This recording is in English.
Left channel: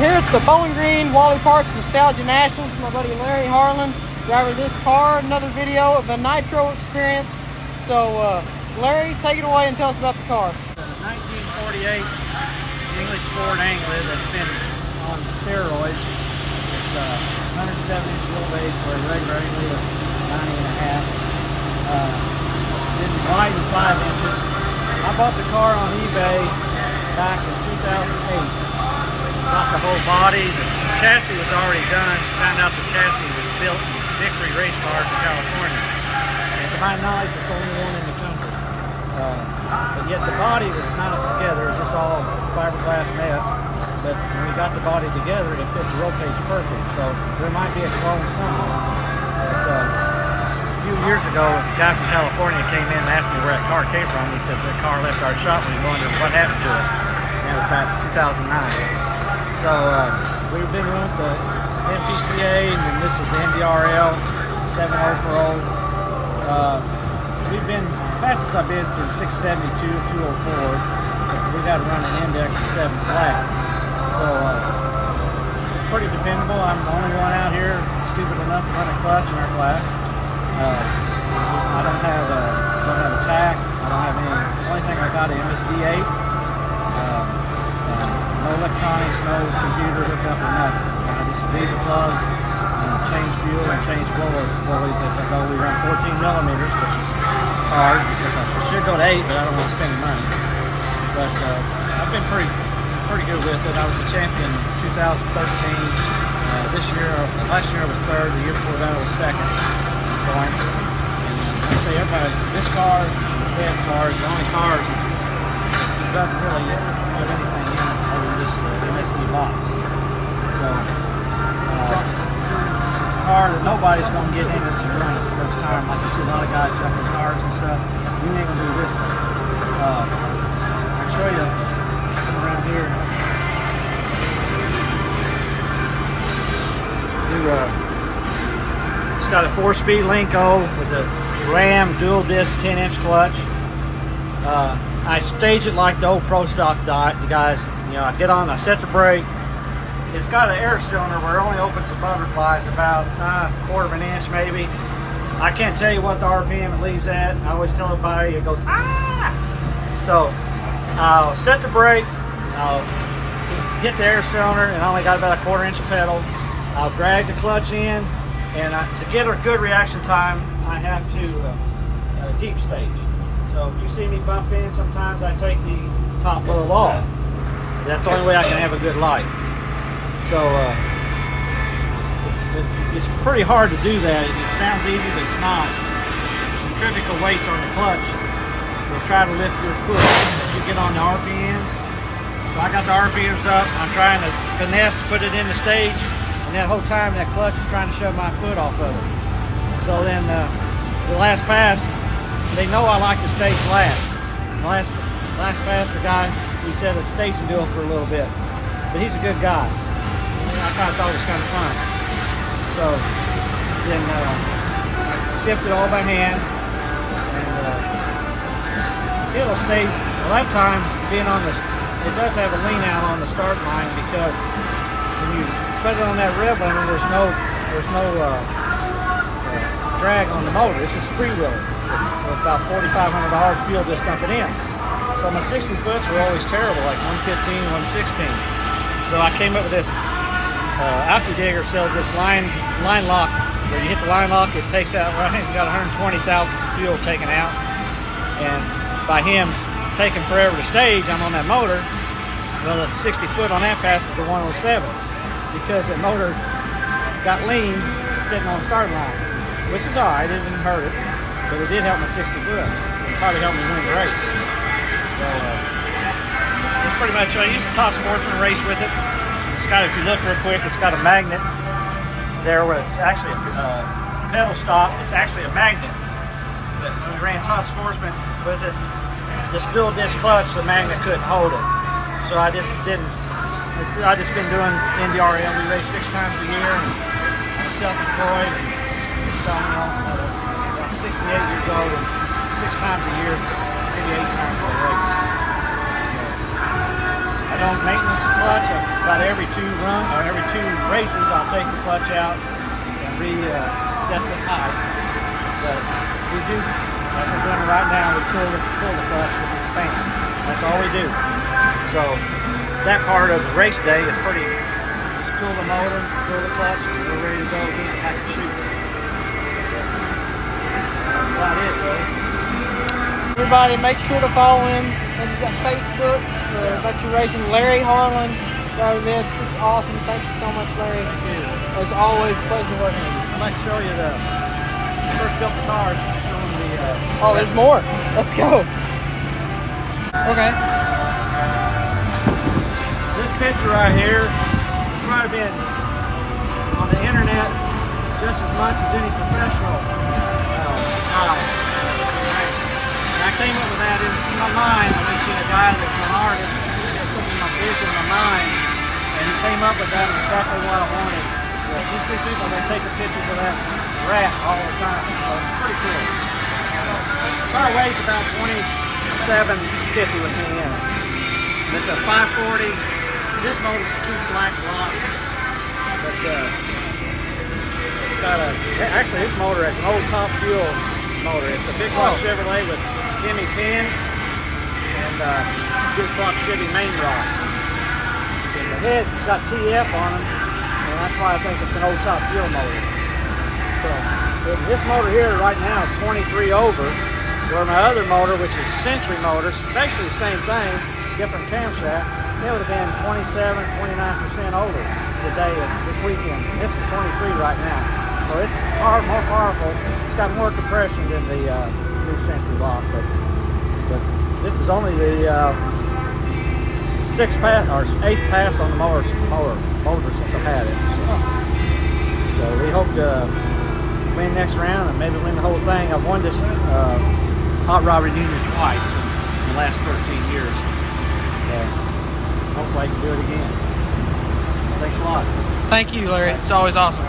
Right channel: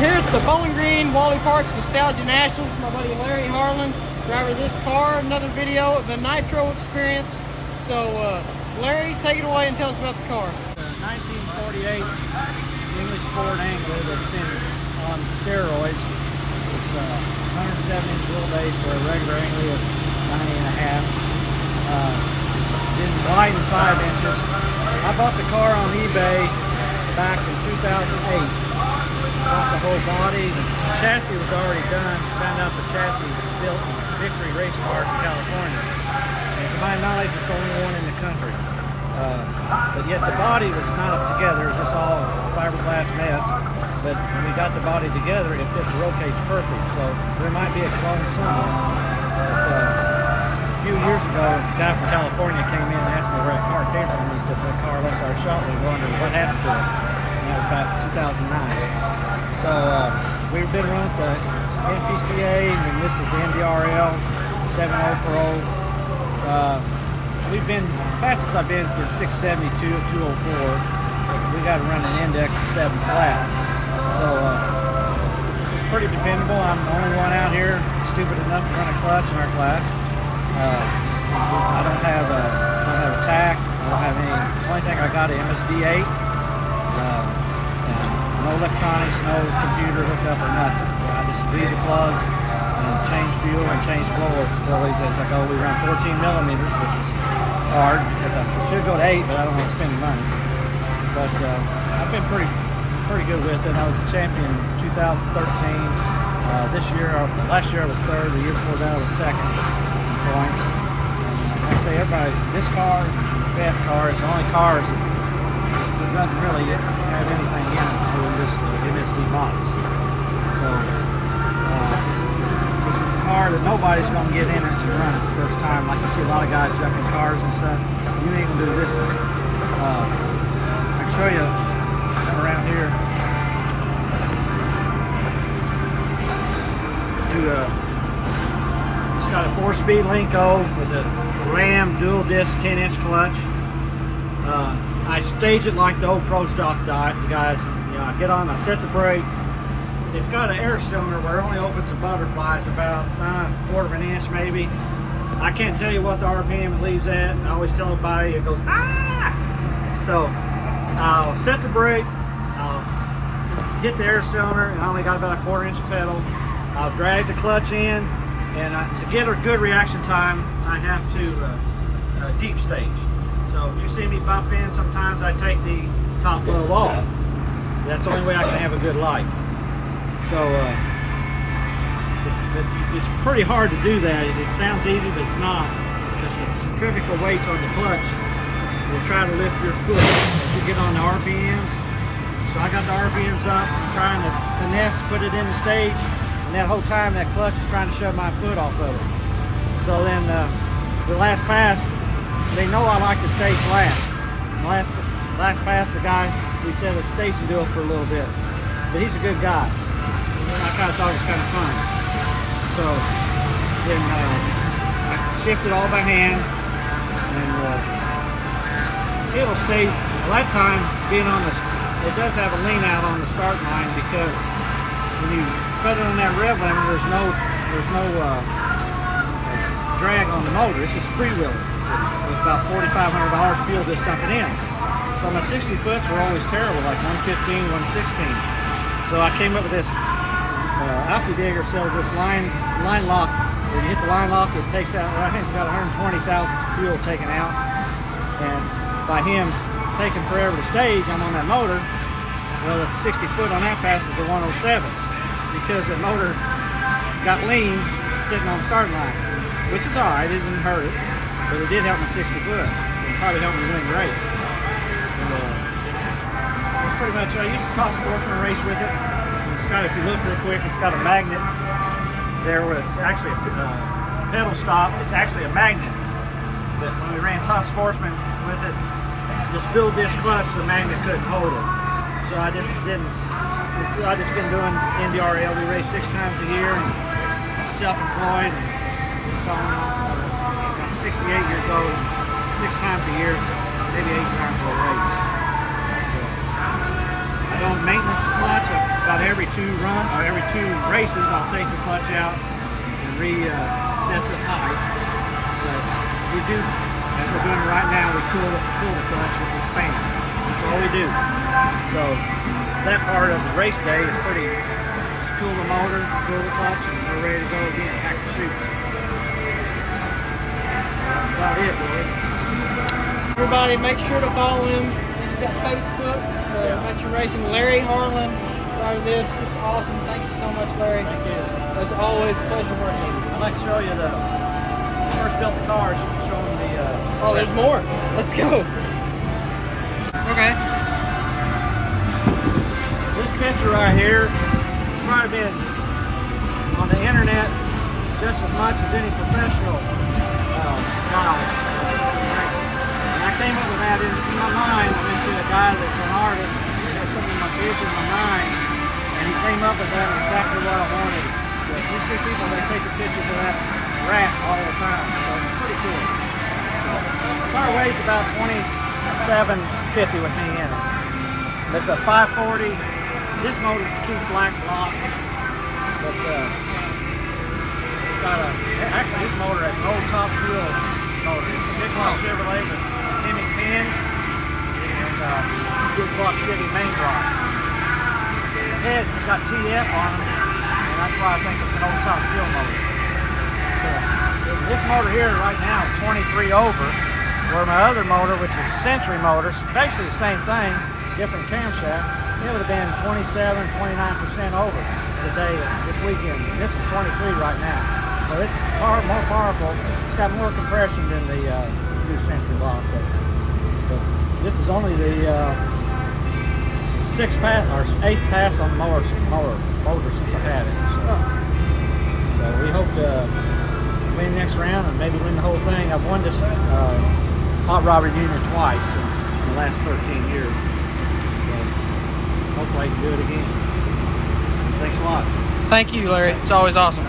here at the Bowling Green Wally Parks Nostalgia Nationals. My buddy Larry Harlen, driver of this car. Another video of the Nitro experience. So Larry, take it away and tell us about the car. 1948 English Ford Anglia that's been on steroids. It's 170 inch wheelbase where a regular Anglia is 90.5. Been widened 5 inches. I bought the car on eBay back in 2008. Bought the whole body. The chassis was already done. Found out the chassis was built in Victory race cars in California. And to my knowledge, it's the only one in the country. But yet the body was not together. It was just all fiberglass mess. But when we got the body together, it fit the roll cage perfect. So there might be a clone somewhere. But, a few years ago, a guy from California came in and asked me where that car came from. He said that car left our shop. We wondered what happened to it. And that was about 2009. So we've been running the NPCA, and then this is the NDRL 7.0 Pro. We've been, fastest I've been 672 at 204. But we got to run an index of 7 flat. So it's pretty dependable. I'm the only one out here stupid enough to run a clutch in our class. I don't have a tack. I don't have any. Only thing I got is MSD8. No electronics, no computer hookup or nothing. I just read the plugs and change fuel and change blower pulleys as I go. We run 14 millimeters, which is hard because I should go to 8, but I don't want to spend the money. But I've been pretty good with it. I was a champion in 2013. This year, last year I was 3rd. The year before that I was 2nd. Points. And I say everybody, this car, the bed car, is the only cars that doesn't really have anything in it other than this MSD box. So this is a car that nobody's going to get in it and run it the first time. Like you see a lot of guys jumping cars and stuff. You ain't going to do this thing. I can show you, come around here. It's got a 4-speed Linko with a Ram dual disc 10-inch clutch. I stage it like the old Pro Stock guys. You know, I get on, I set the brake. It's got an air cylinder where it only opens the butterflies about a 1/4 of an inch maybe. I can't tell you what the RPM it leaves at. I always tell everybody it goes ah. So I'll set the brake. I'll hit the air cylinder, and I only got about a 1/4 inch pedal. I'll drag the clutch in, and to get a good reaction time, I have to deep stage. So if you see me bump in, sometimes I take the top load off. That's the only way I can have a good light. So it's pretty hard to do that. It sounds easy, but it's not. The centrifugal weights on the clutch will try to lift your foot as you get on the RPMs. So I got the RPMs up. I'm trying to finesse, put it in the stage. And that whole time, that clutch is trying to shove my foot off of it. So then the last pass, they know I like to stage last. The last pass, the guy, he said a station deal for a little bit. But he's a good guy. I kind of thought it was kind of fun. So then I shifted all by hand. And it'll stage, well, that time, being on the, it does have a lean out on the start line because when you put it on that rev limiter, there's no drag on the motor. It's just freewheeling with about $4,500 fuel just dumping in. So my 60 foots were always terrible, like 115, 116. So I came up with this. Alky Digger sells this line lock where you hit the line lock, it takes out. Well, I think we got 120,000 fuel taken out, and by him taking forever to stage, I'm on that motor. Well, the 60 foot on that pass is a 107 because the motor got lean sitting on the start line, which is all right. It didn't hurt it, but it did help my 60 foot. It probably helped me win the race. So that's pretty much. I used to Top Sportsman race with it. It's got, if you look real quick, it's got a magnet there where it's actually a pedal stop. It's actually a magnet. But when we ran Top Sportsman with it, this dual disc clutch, the magnet couldn't hold it. So I just didn't. I just been doing NDRL. We race 6 times a year, and I'm self-employed, and just I'm 68 years old, and 6 times a year, maybe 8 times a race. So I don't maintenance the clutch. About every 2 races, I'll take the clutch out and reset the height. But we do, as we're doing it right now, we cool the clutch with this fan. That's all we do. So that part of the race day is pretty. Just cool the motor, cool the clutch, and we're ready to go again. Pack the chutes. That's about it, really. Everybody, make sure to follow him. He's got Facebook for Adventure Racing. Larry Harlen. This is awesome. Thank you so much, Larry. Thank you. As always, pleasure working with you. I'd like to show you the first built the cars, showing the. Oh, there's more. Let's go. Okay. This picture right here has probably been on the internet just as much as any professional guy. And I came up with that in my mind. I went to a guy that's an artist who had some of my vision in my mind, and he came up with that exactly what I wanted. But you see people, they take the pictures of that rat all the time, so it's pretty cool. So, the car weighs about 2750 with me in it. It's a 540. This motor's a 2 black block, but it's got a, actually this motor is an old top fuel motor. It's a big block Chevrolet with Hemi pins and big block Chevy main blocks. The heads, it's got TF on them, and that's why I think it's an old top fuel motor. So this motor here right now is 23 over. Well, the other motor, which is a Century motor, is basically the same thing, different camshaft. It would have been 27, 29% over today, this weekend. This is 23 right now. So it's hard, more powerful. It's got more compression than the new Century block. This is only the 6th pass or 8th pass on the motor since I had it. So we hope to win next round and maybe win the whole thing. I've won this hot rod reunion twice in the last 13 years. So hopefully I can do it again. Thanks a lot. Thank you, Larry. It's always awesome.